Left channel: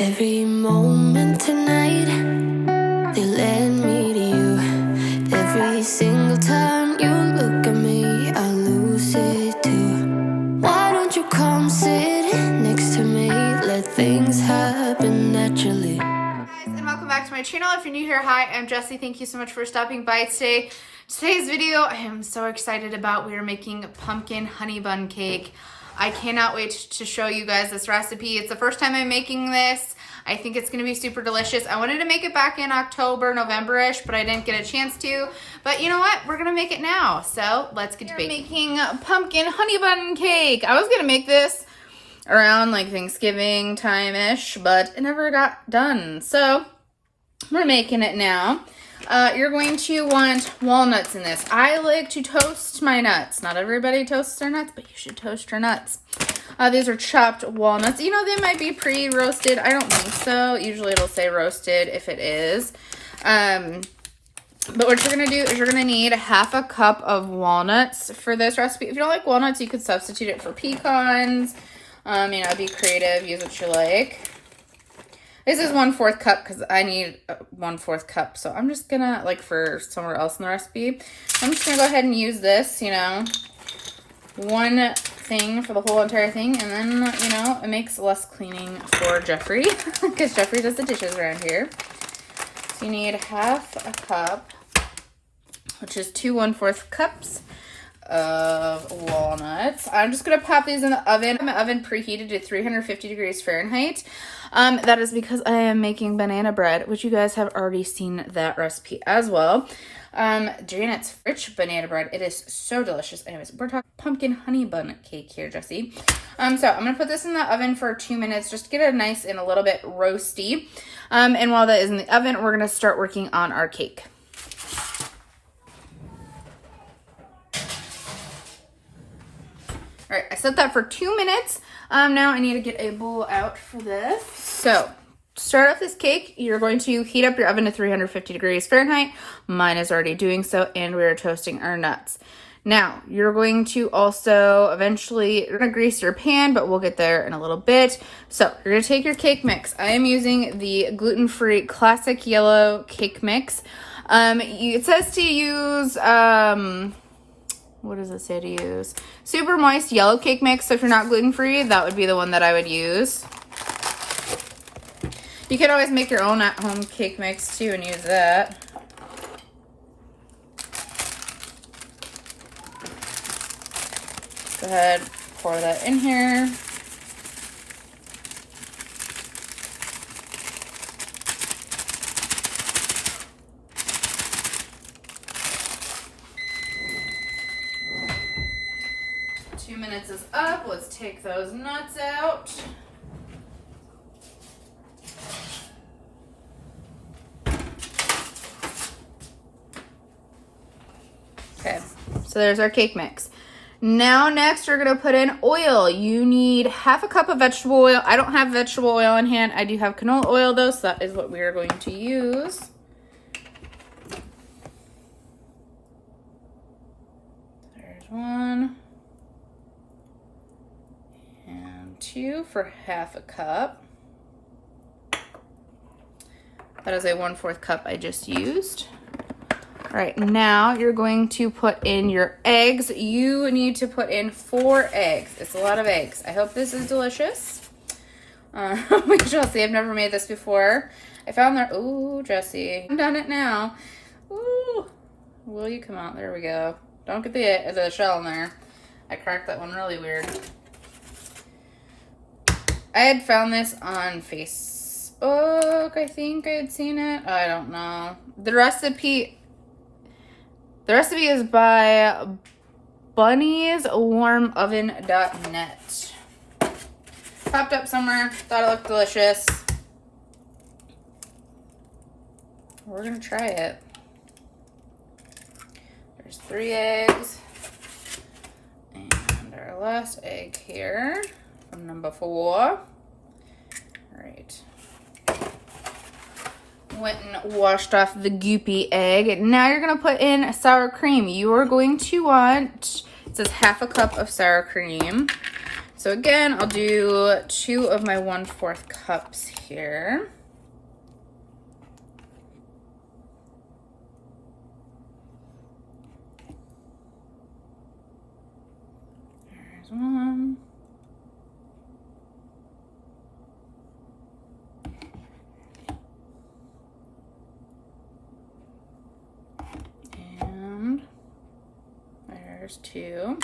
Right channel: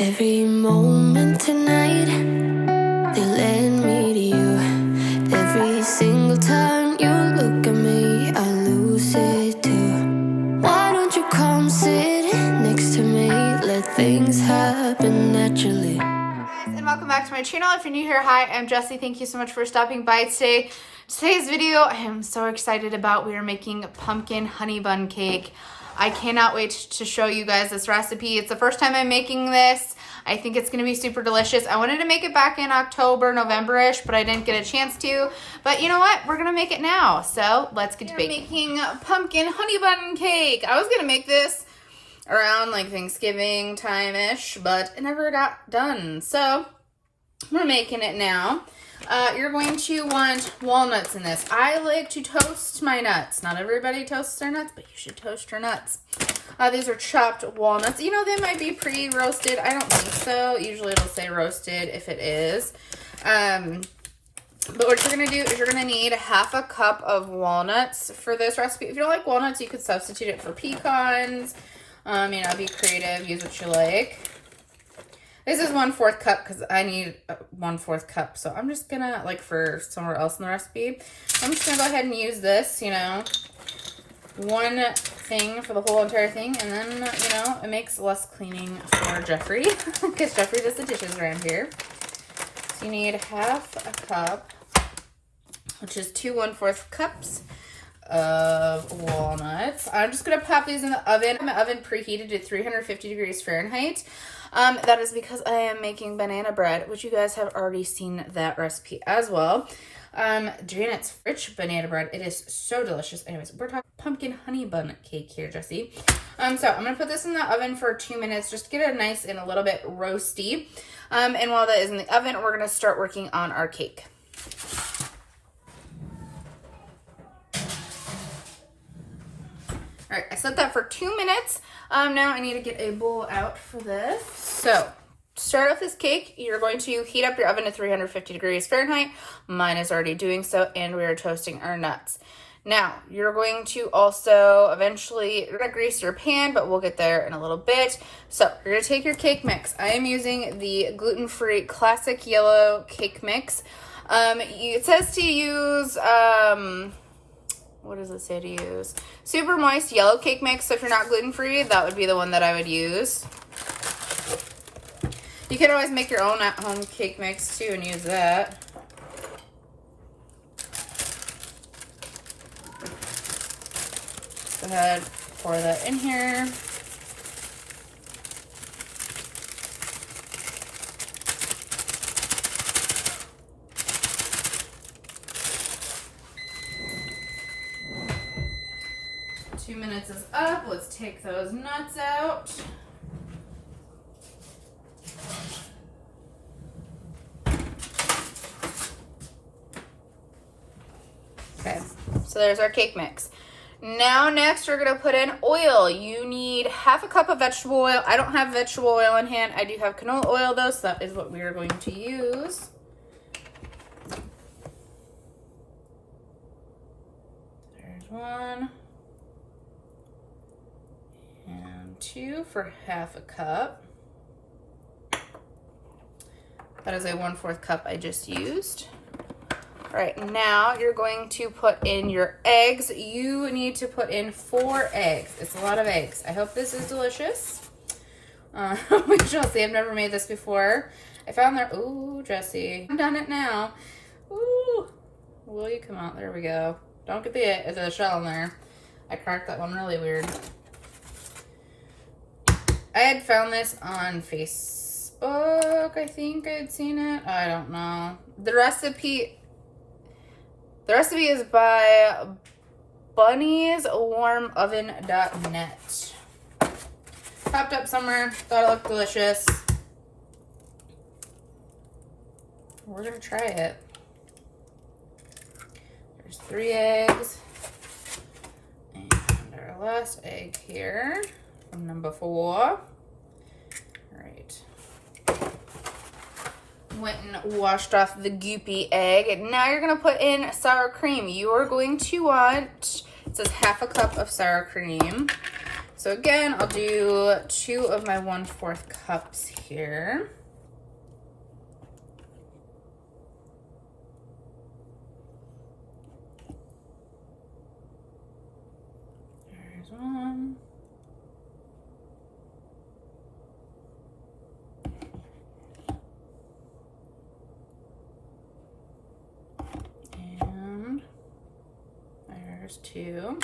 Every moment tonight, they led me to you. Every single time you look at me, I lose it too. Why don't you come sit next to me? Let things happen naturally. Hi guys, and welcome back to my channel. If you're new here, hi, I'm Jessie. Thank you so much for stopping by today. Today's video, I am so excited about. We are making pumpkin honey bun cake. I cannot wait to show you guys this recipe. It's the first time I'm making this. I think it's gonna be super delicious. I wanted to make it back in October, November-ish, but I didn't get a chance to. But you know what? We're gonna make it now. So let's get to baking. Making pumpkin honey bun cake. I was gonna make this around like Thanksgiving time-ish, but it never got done. So we're making it now. You're going to want walnuts in this. I like to toast my nuts. Not everybody toasts their nuts, but you should toast your nuts. These are chopped walnuts. You know, they might be pre-roasted. I don't think so. Usually it'll say roasted if it is. But what you're going to do is you're going to need half a cup of walnuts for this recipe. If you don't like walnuts, you could substitute it for pecans. You know, be creative. Use what you like. This is 1/4 cup because I need 1/4 cup. So I'm just gonna, like for somewhere else in the recipe, I'm just gonna go ahead and use this, you know, one thing for the whole entire thing. And then, you know, it makes less cleaning for Jeffrey because Jeffrey does the dishes around here. So you need half a cup, which is 2 1/4 cups of walnuts. I'm just gonna pop these in the oven. My oven preheated to 350 degrees Fahrenheit. That is because I am making banana bread, which you guys have already seen that recipe as well. Janet's rich banana bread. It is so delicious. Anyways, we're talking pumpkin honey bun cake here, Jessie. So I'm gonna put this in the oven for 2 minutes just to get it nice and a little bit roasty. And while that is in the oven, we're gonna start working on our cake. All right, I set that for 2 minutes. Now I need to get a bowl out for this. So, to start off this cake, you're going to heat up your oven to 350 degrees Fahrenheit. Mine is already doing so, and we're toasting our nuts. Now, you're going to also eventually, you're gonna grease your pan, but we'll get there in a little bit. So, you're gonna take your cake mix. I am using the gluten-free classic yellow cake mix. It says to use, what does it say to use? Super moist yellow cake mix. So if you're not gluten-free, that would be the one that I would use. You could always make your own at-home cake mix too and use that. Go ahead, pour that in here. Minutes is up. Let's take those nuts out. Okay, so there's our cake mix. Now next you're gonna put in oil. You need half a cup of vegetable oil. I don't have vegetable oil on hand. I do have canola oil though, so that is what we are going to use. There's one. 2 for half a cup. That is a 1/4 cup I just used. All right, now you're going to put in your eggs. You need to put in 4 eggs. It's a lot of eggs. I hope this is delicious. We shall see. I've never made this before. I found there. Ooh, Jessie, I've done it now. Ooh, will you come out? There we go. Don't get the shell in there. I cracked that one really weird. I had found this on Facebook. I think I had seen it. I don't know. The recipe is by bunnieswarmoven.net. Popped up somewhere. Thought it looked delicious. We're gonna try it. There's 3 eggs. And our last egg here. From number 4. All right. Went and washed off the goopy egg. Now you're gonna put in sour cream. You are going to want, it says half a cup of sour cream. So again, I'll do 2 of my 1/4 cups here. There's 1. And there's 2.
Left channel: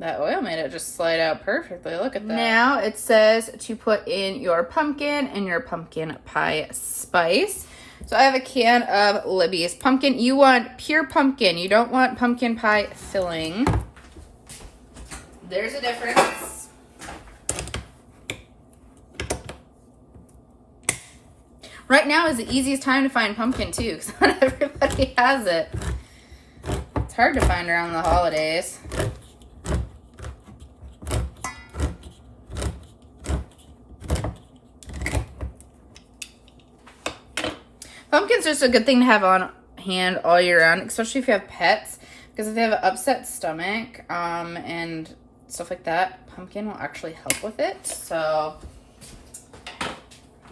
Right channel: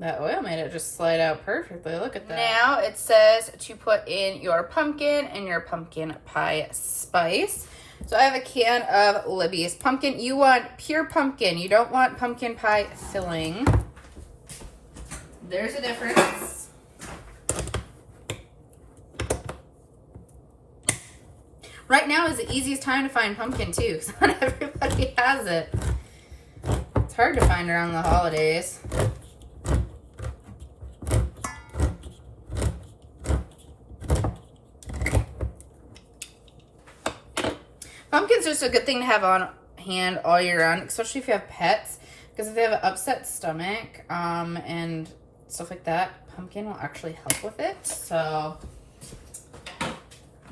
That oil made it just slide out perfectly. Look at that. Now it says to put in your pumpkin and your pumpkin pie spice. So I have a can of Libby's pumpkin. You want pure pumpkin. You don't want pumpkin pie filling. There's a difference. Right now is the easiest time to find pumpkin too, because not everybody has it. It's hard to find around the holidays. Pumpkin's just a good thing to have on hand all year round, especially if you have pets, because if they have an upset stomach and stuff like that, pumpkin will actually help with it. So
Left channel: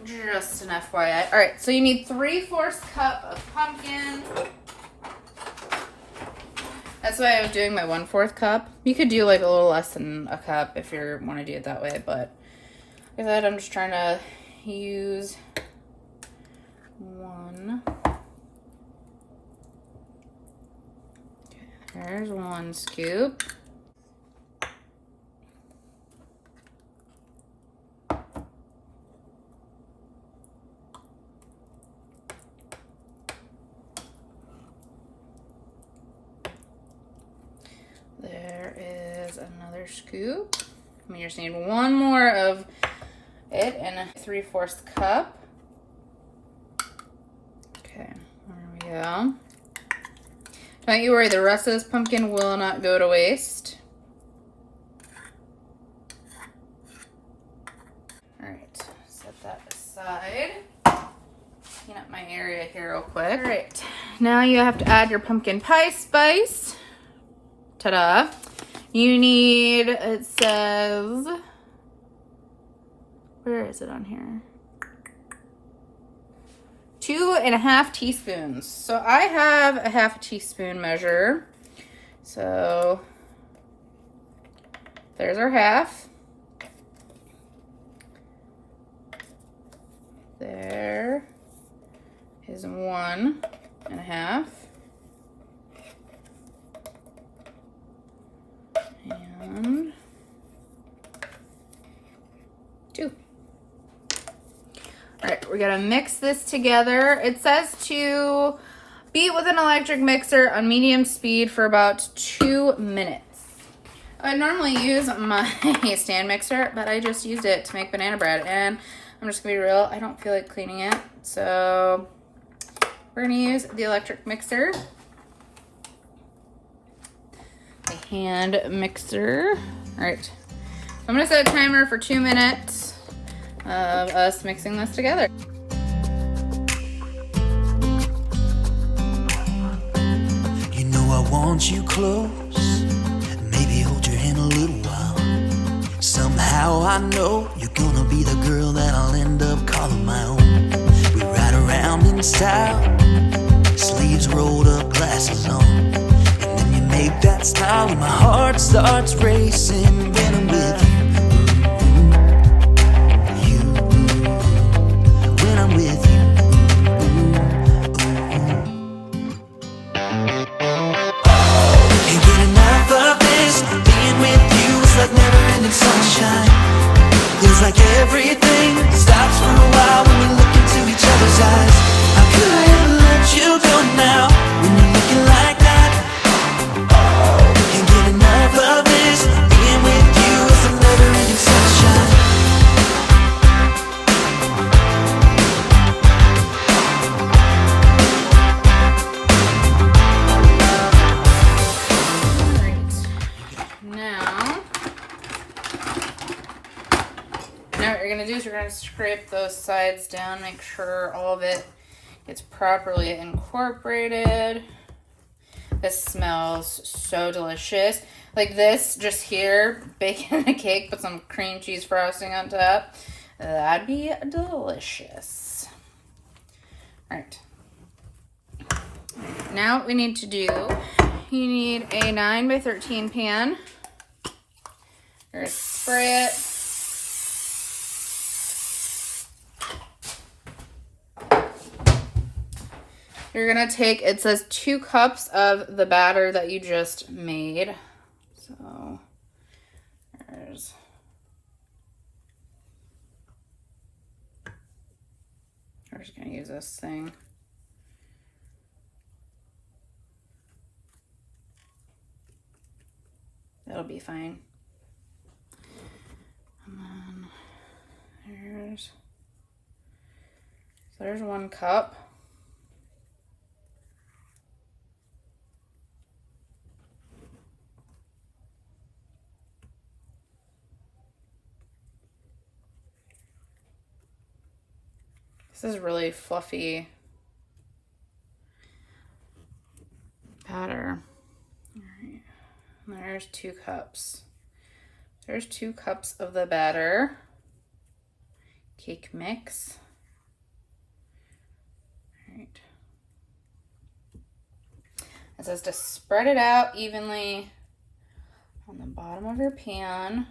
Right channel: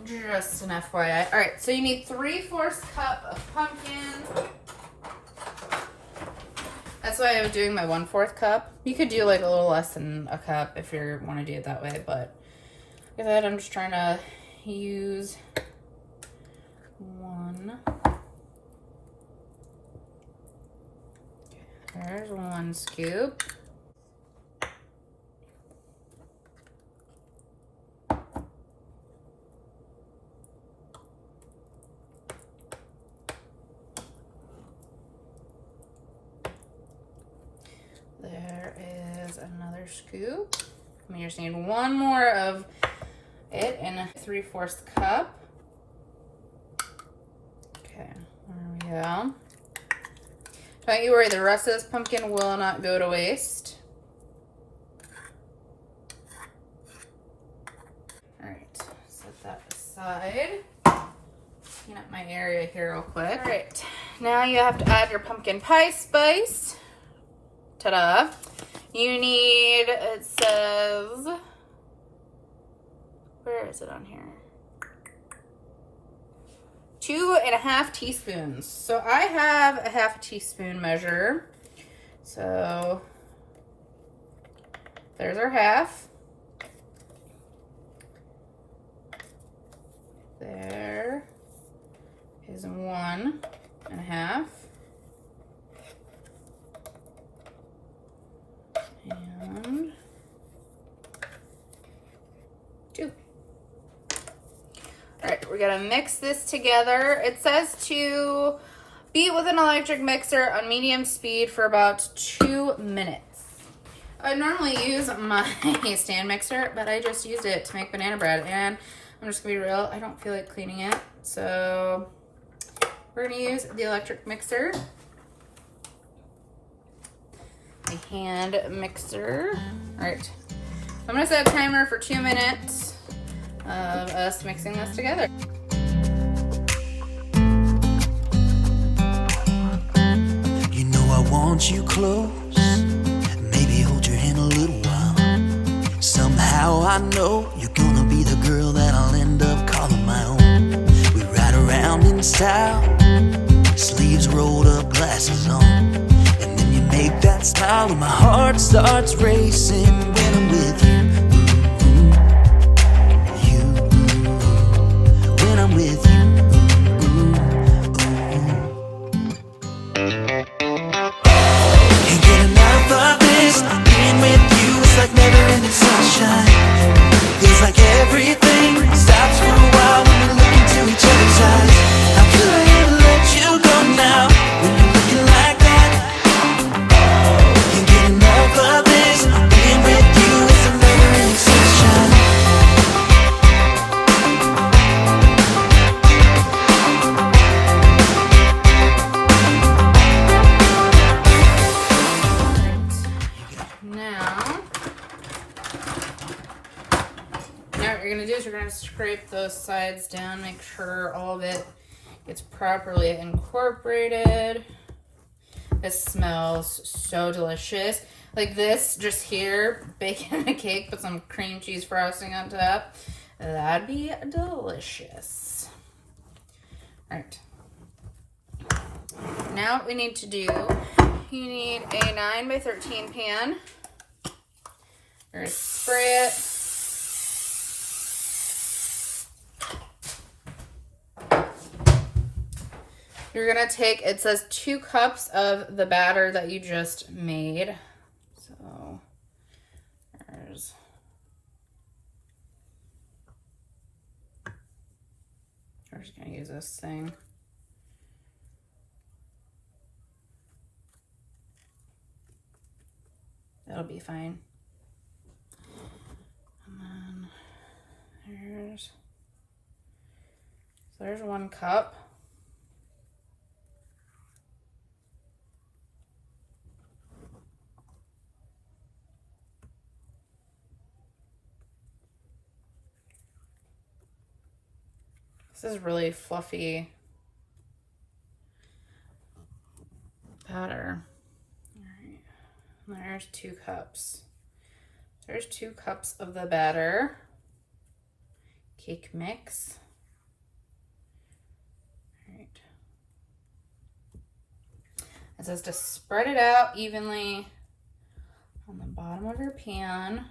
just an FYI. All right, so you need 3/4 cup of pumpkin. That's why I was doing my 1/4 cup. You could do like a little less than a cup if you want to do it that way, but like I said, I'm just trying to use 1. Okay, there's 1 scoop. There is another scoop. We just need 1 more of it in a 3/4 cup. Okay, there we go. Don't you worry, the rest of this pumpkin will not go to waste. Alright, set that aside. Clean up my area here real quick. Alright, now you have to add your pumpkin pie spice. Ta-da. You need, it says, where is it on here? 2.5 teaspoons. So I have a 1/2 teaspoon measure. So there's our 1/2. There is 1.5. And 2. All right, we're gonna mix this together. It says to beat with an electric mixer on medium speed for about 2 minutes. I normally use my stand mixer, but I just used it to make banana bread, and I'm just gonna be real, I don't feel like cleaning it. So we're gonna use the electric mixer. The hand mixer. All right, I'm gonna set a timer for 2 minutes of us mixing this together. You know I want you close, maybe hold your hand a little while. Somehow I know you're gonna be the girl that I'll end up calling my own. We ride around in style, sleeves rolled up, glasses on, and then you make that smile and my heart starts racing when I'm with you. When I'm with you, can't get enough of this. Being with you is like never-ending sunshine. Feels like everything stops for a while when we look into each other's eyes. How could I ever let you go now when you're looking like that? Can't get enough of this. Being with you is a never-ending sunshine. You're going to scrape those sides down, make sure all of it gets properly incorporated. This smells so delicious. Like this, just here, baking a cake, put some cream cheese frosting on top. That'd be delicious. All right. Now what we need to do, you need a 9x13 pan. Or spray it. You're gonna take, it says 2 cups of the batter that you just made. So there's, we're just gonna use this thing. That'll be fine. And then there's 1 cup. This is really fluffy batter. All right. There's 2 cups. There's 2 cups of the batter. Cake mix. All right. It says to spread it out evenly on the bottom of your pan.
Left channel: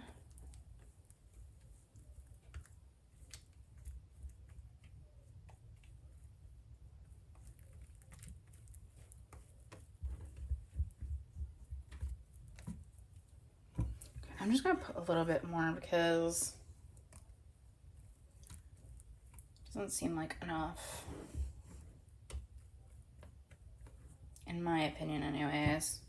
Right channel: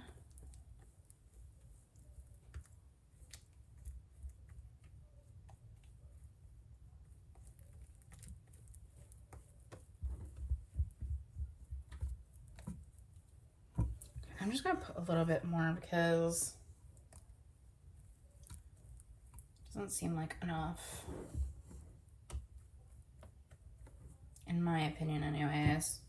I'm just gonna put a little bit more because it doesn't seem like enough. In my opinion, anyways.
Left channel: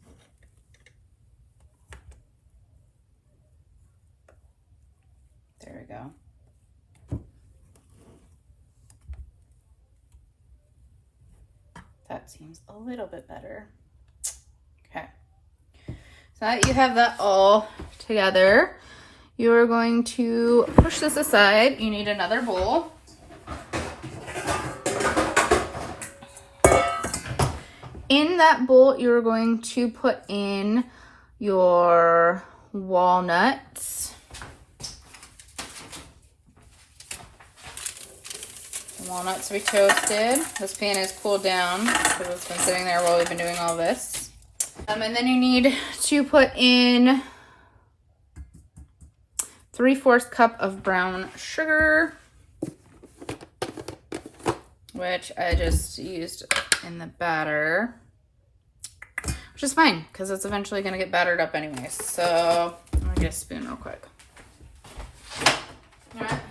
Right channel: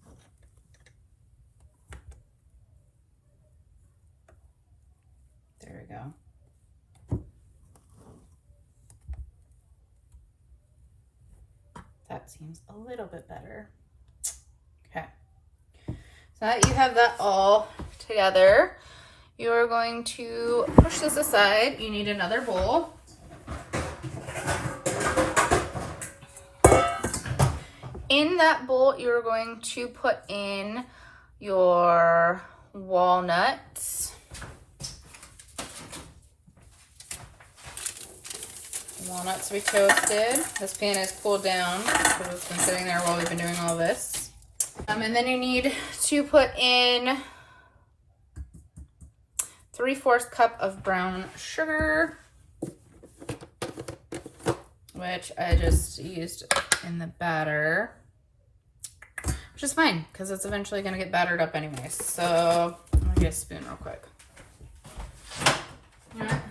There we go. That seems a little bit better. Okay. So that you have that all together, you're going to push this aside. You need another bowl. In that bowl, you're going to put in your walnuts. Walnuts to be toasted. This pan is cooled down because it's been sitting there while we've been doing all this. And then you need to put in 3/4 cup of brown sugar, which I just used in the batter, which is fine because it's eventually going to get battered up anyway. So I'm going to get a spoon real quick. All right.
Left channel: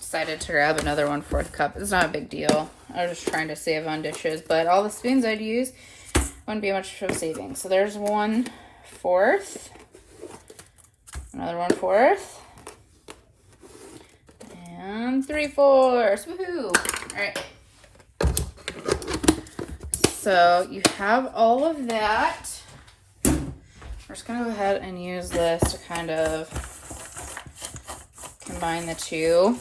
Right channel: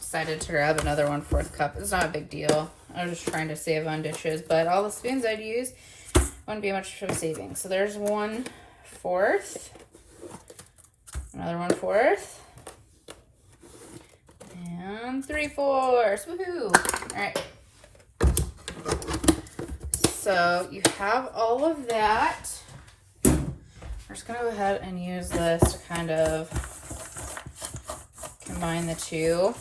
Decided to grab another 1/4 cup. It's not a big deal. I was just trying to save on dishes, but all the spoons I'd use wouldn't be much of a saving. So there's 1/4, another 1/4, and 3/4. Woohoo! All right. So you have all of that. We're just gonna go ahead and use this to kind of combine the two.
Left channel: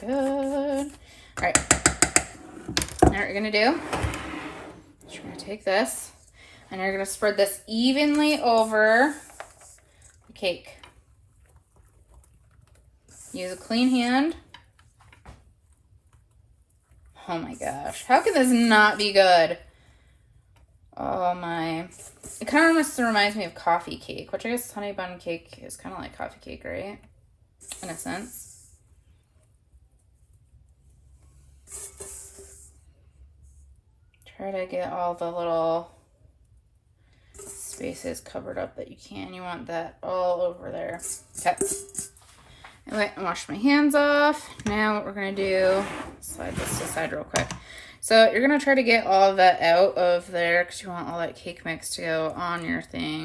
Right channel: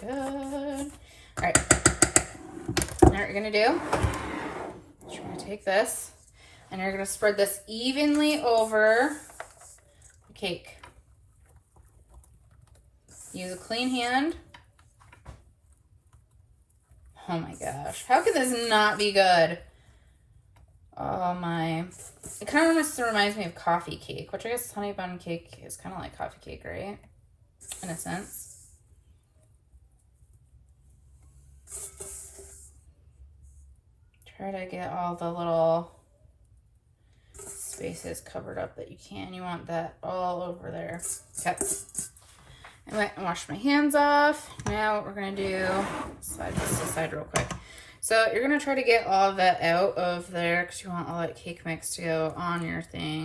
Good. All right. Now what you're gonna do is you're gonna take this and you're gonna spread this evenly over the cake. Use a clean hand. Oh my gosh. How could this not be good? Oh my. It kind of almost reminds me of coffee cake, which I guess honey bun cake is kind of like coffee cake, right? In a sense. Try to get all the little spaces covered up that you can. You want that all over there. Okay. I went and washed my hands off. Now what we're going to do, slide this aside real quick. So you're going to try to get all of that out of there because you want all that cake mix to go on your thing.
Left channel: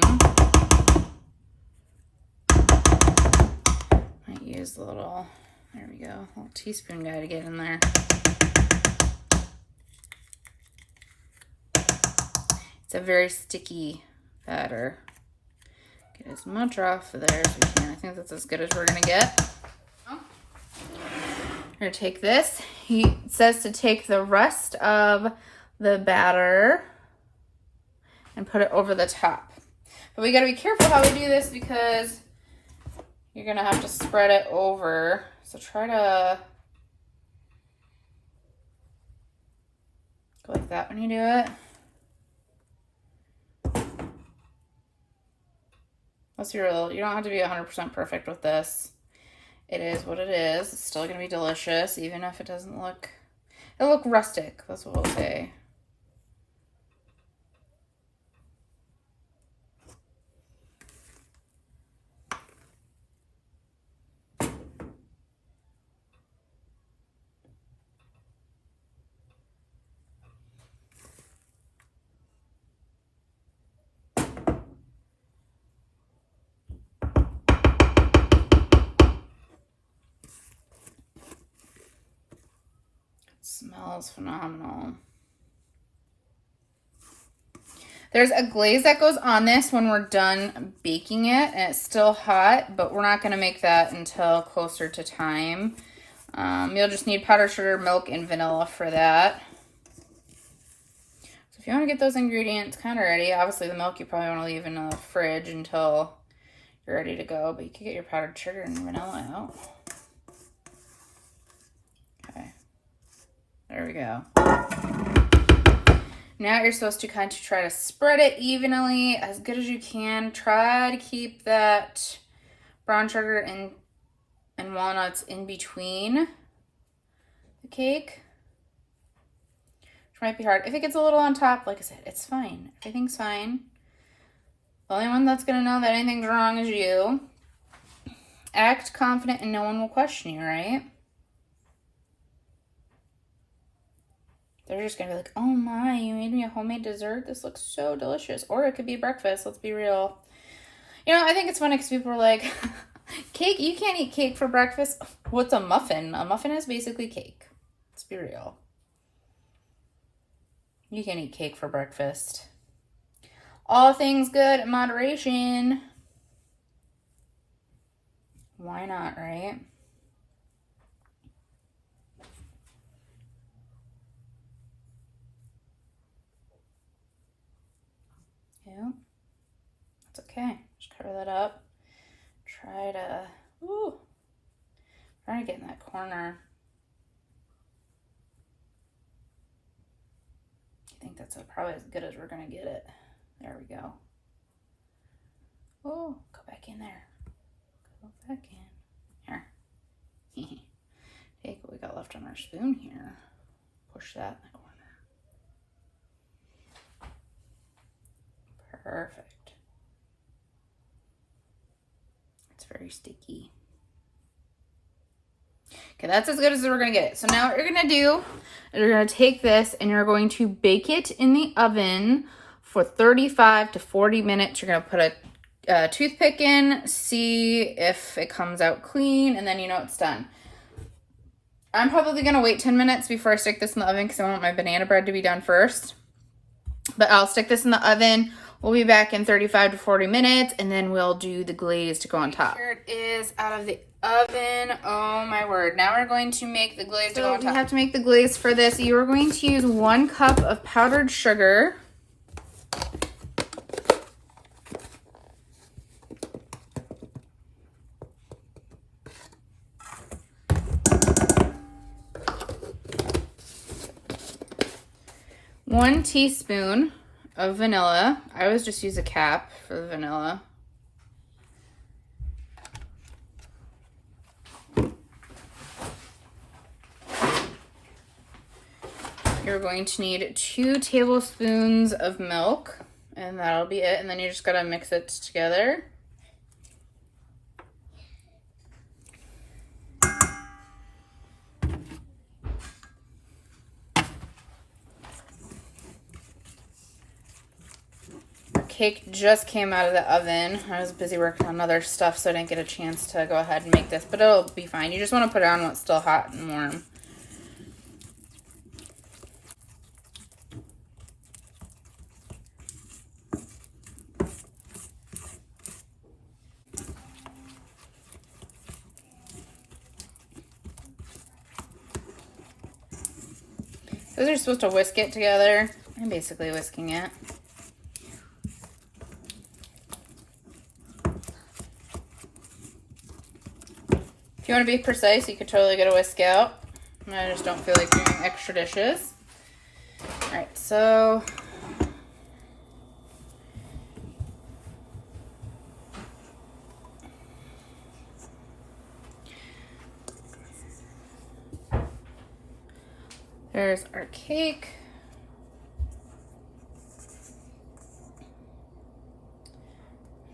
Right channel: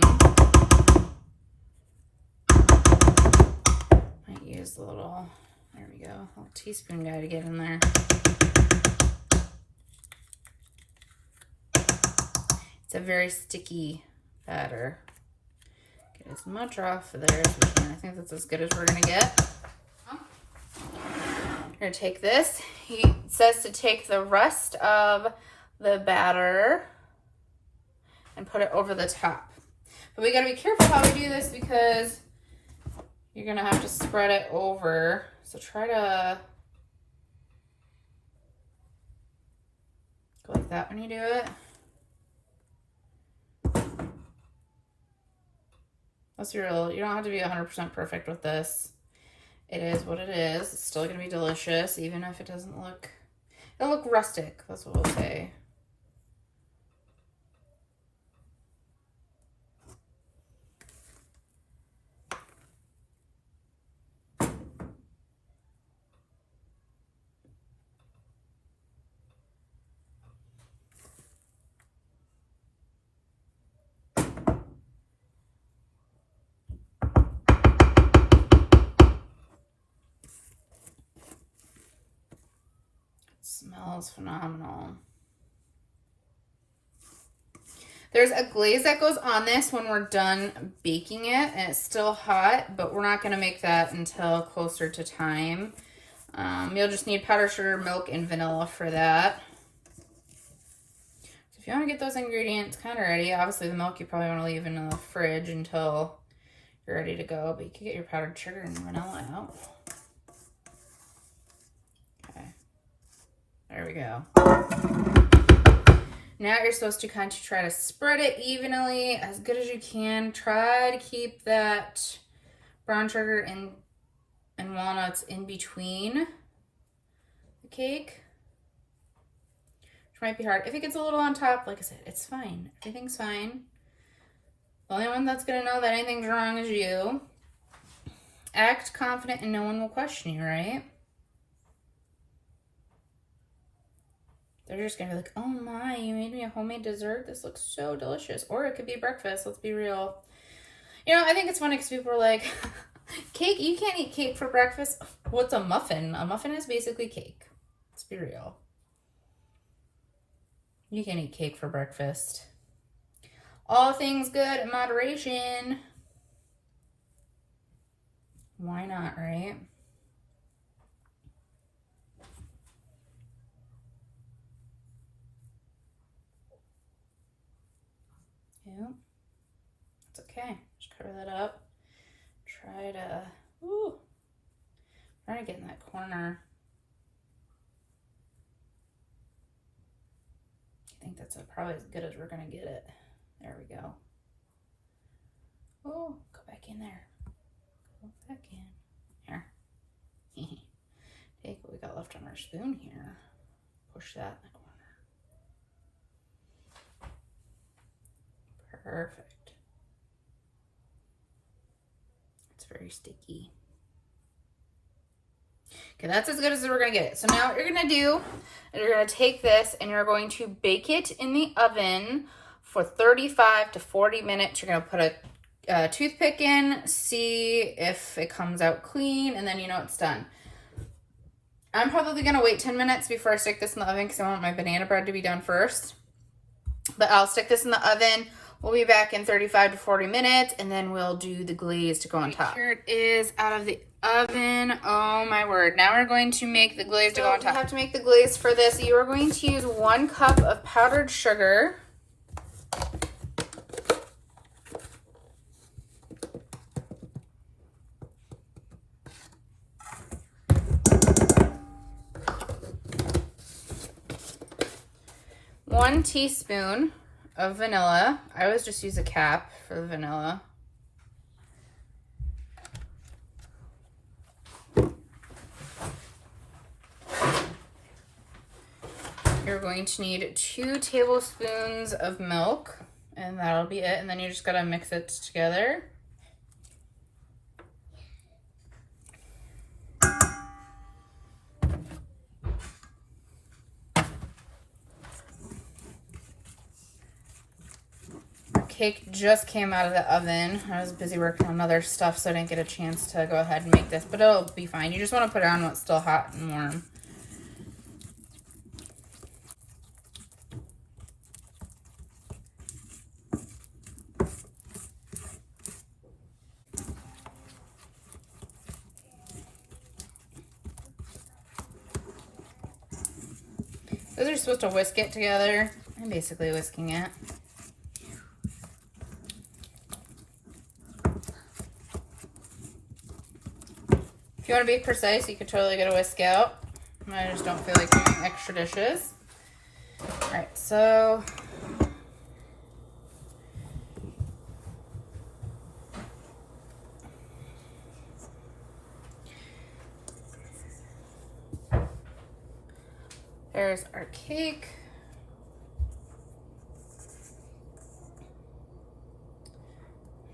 Might use the little, there we go, little teaspoon guy to get in there. It's a very sticky batter. Get as much off of there as we can. I think that's as good as we're gonna get. We're gonna take this. He says to take the rest of the batter and put it over the top. But we gotta be careful how we do this because you're gonna have to spread it over. So try to go like that when you do it. Let's be real, you don't have to be 100% perfect with this. It is what it is. It's still gonna be delicious, even if it doesn't look, it'll look rustic, that's what we'll say. Smells phenomenal. There's a glaze that goes on this when we're done baking it, and it's still hot, but we're not going to make that until closer to time. You'll just need powdered sugar, milk, and vanilla for that. So if you want to get those ingredients kind of ready, obviously the milk you probably want to leave in the fridge until you're ready to go, but you can get your powdered sugar and vanilla out. There we go. Now you're supposed to kind of try to spread it evenly as good as you can. Try to keep that brown sugar and walnuts in between the cake. Which might be hard. If it gets a little on top, like I said, it's fine. Everything's fine. The only one that's going to know that anything's wrong is you. Act confident and no one will question you, right? They're just going to be like, oh my, you made me a homemade dessert? This looks so delicious. Or it could be breakfast, let's be real. You know, I think it's funny because people are like, cake? You can't eat cake for breakfast? What's a muffin? A muffin is basically cake. Let's be real. You can eat cake for breakfast. All things good in moderation. Why not, right? Yeah, it's okay. Just cover that up. Try to get in that corner. I think that's probably as good as we're gonna get it. There we go. Oh, go back in there. Go back in. Here. Take what we got left on our spoon here. Push that in the corner. Perfect. It's very sticky. Okay, that's as good as we're gonna get it. So now what you're gonna do is you're gonna take this and you're going to bake it in the oven for 35 to 40 minutes. You're gonna put a toothpick in, see if it comes out clean, and then you know it's done. I'm probably gonna wait 10 minutes before I stick this in the oven because I want my banana bread to be done first. But I'll stick this in the oven. We'll be back in 35 to 40 minutes, and then we'll do the glaze to go on top. Here it is out of the oven. Oh my word. Now we're going to make the glaze to go on top. We have to make the glaze for this. You are going to use 1 cup of powdered sugar. One teaspoon of vanilla. I always just use a cap for the vanilla. You're going to need 2 tablespoons of milk, and that'll be it. And then you just gotta mix it together. Cake just came out of the oven. I was busy working on other stuff, so I didn't get a chance to go ahead and make this, but it'll be fine. You just want to put it on when it's still hot and warm. Those are supposed to whisk it together. I'm basically whisking it. If you want to be precise, you could totally get a whisk out. I just don't feel like doing extra dishes. Alright, so there's our cake.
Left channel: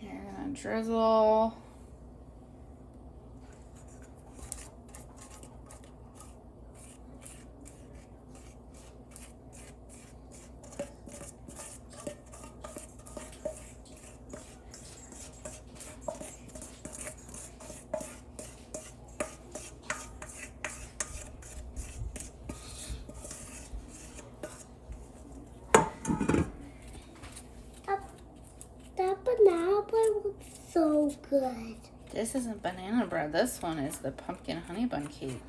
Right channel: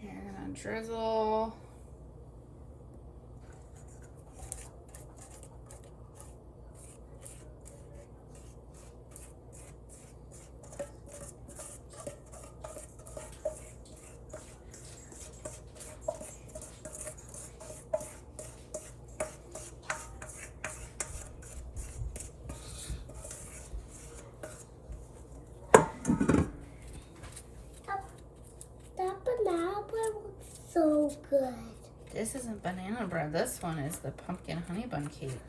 You're gonna drizzle. So good. This isn't banana bread. This one is the pumpkin honey bun cake.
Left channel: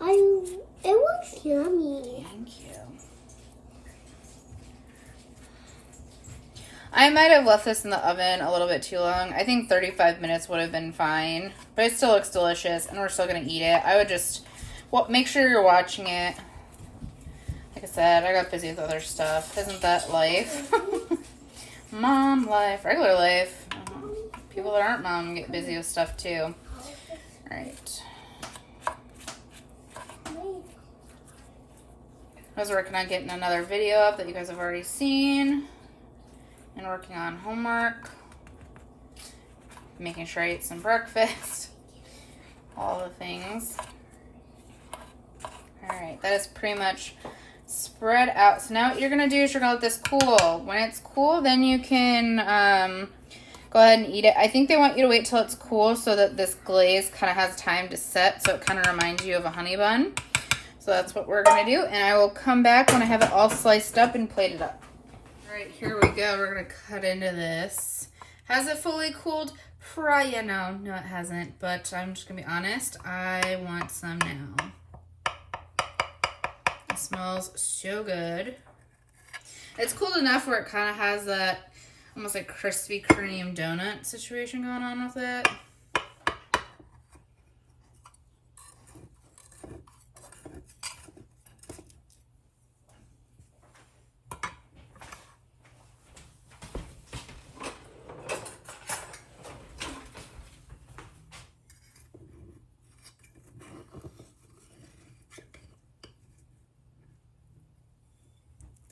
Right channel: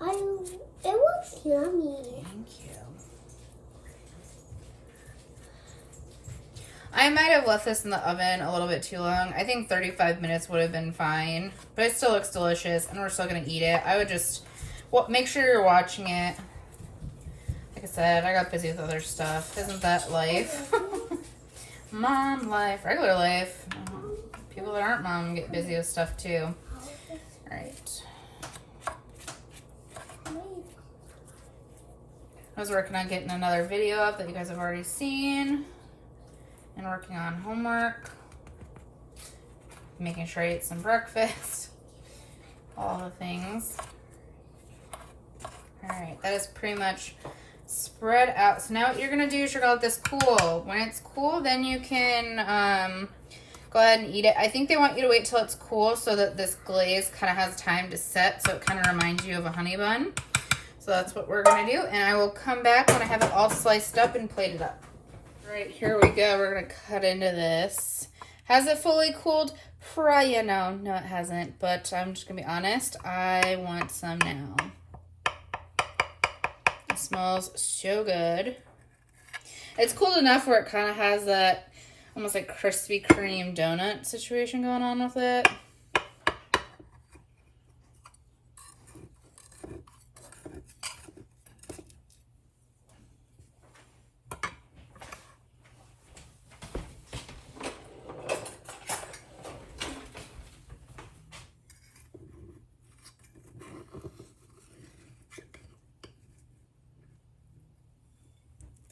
It looks yummy. Thank you. I might have left this in the oven a little bit too long. I think 35 minutes would have been fine. But it still looks delicious, and we're still going to eat it. I would just make sure you're watching it. Like I said, I got busy with other stuff. Isn't that life? Mom life, regular life. People that aren't mom get busy with stuff too. Alright. I was working on getting another video up that you guys have already seen. And working on homework. Making sure I ate some breakfast. All the things. Alright, that is pretty much spread out. So now what you're going to do is you're going to let this cool. When it's cool, then you can go ahead and eat it. I think they want you to wait till it's cool so that this glaze kind of has time to set, so it kind of reminds you of a honey bun. So that's what we're going to do, and I will come back when I have it all sliced up and plated up. All right, here we go. We're going to cut into this. Has it fully cooled? Probably, no, it hasn't, but I'm just going to be honest. I want some now. It smells so good. It's cooled enough where it kind of has that almost like Krispy Kreme donut situation going on with it.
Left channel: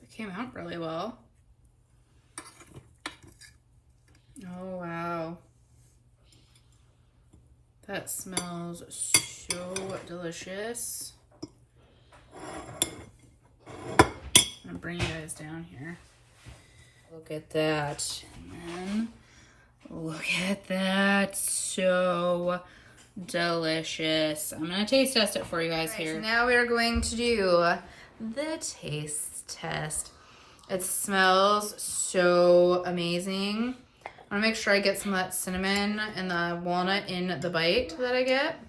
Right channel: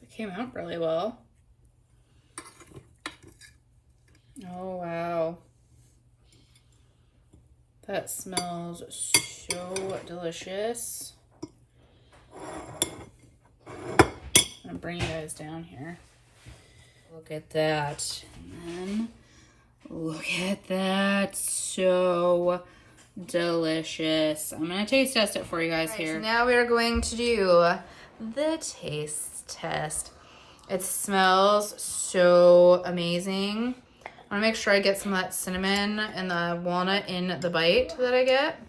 It came out really well. Oh, wow. That smells so delicious. I'm gonna bring you guys down here. Look at that. And then look at that. So delicious. I'm gonna taste test it for you guys here. So now we are going to do the taste test. It smells so amazing. I want to make sure I get some of that cinnamon and the walnut in the bite that I get.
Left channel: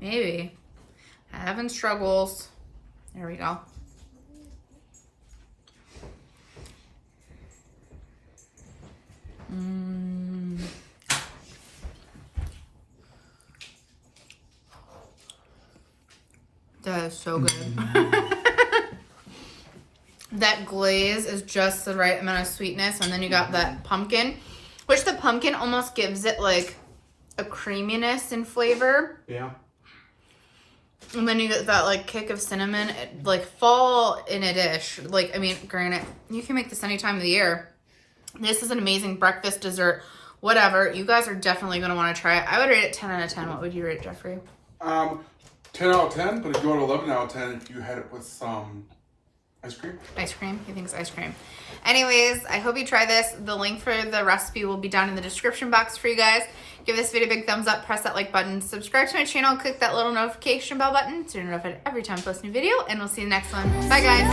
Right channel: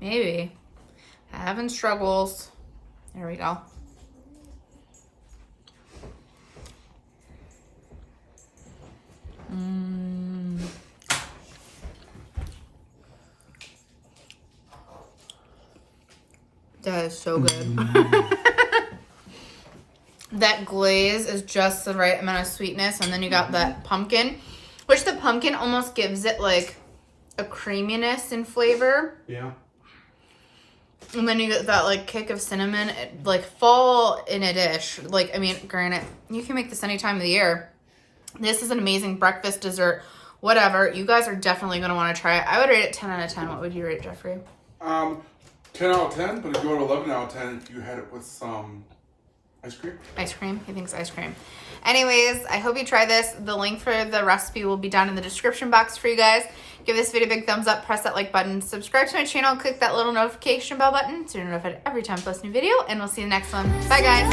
Maybe. Having struggles. There we go. That is so good. That glaze is just the right amount of sweetness, and then you got that pumpkin, which the pumpkin almost gives it like a creaminess and flavor. Yeah. And then you get that like kick of cinnamon. It, like fall in a dish. Like, I mean, granted, you can make this any time of the year. This is an amazing breakfast, dessert, whatever. You guys are definitely going to want to try it. I would rate it 10 out of 10. What would you rate, Jeffrey? 10 out of 10, but if you want 11 out of 10, if you had it with some ice cream. Ice cream? He thinks ice cream. Anyways, I hope you try this. The link for the recipe will be down in the description box for you guys. Give this video a big thumbs up, press that like button, subscribe to my channel, click that little notification bell button so you're notified every time I post a new video, and we'll see you in the next one. Bye, guys.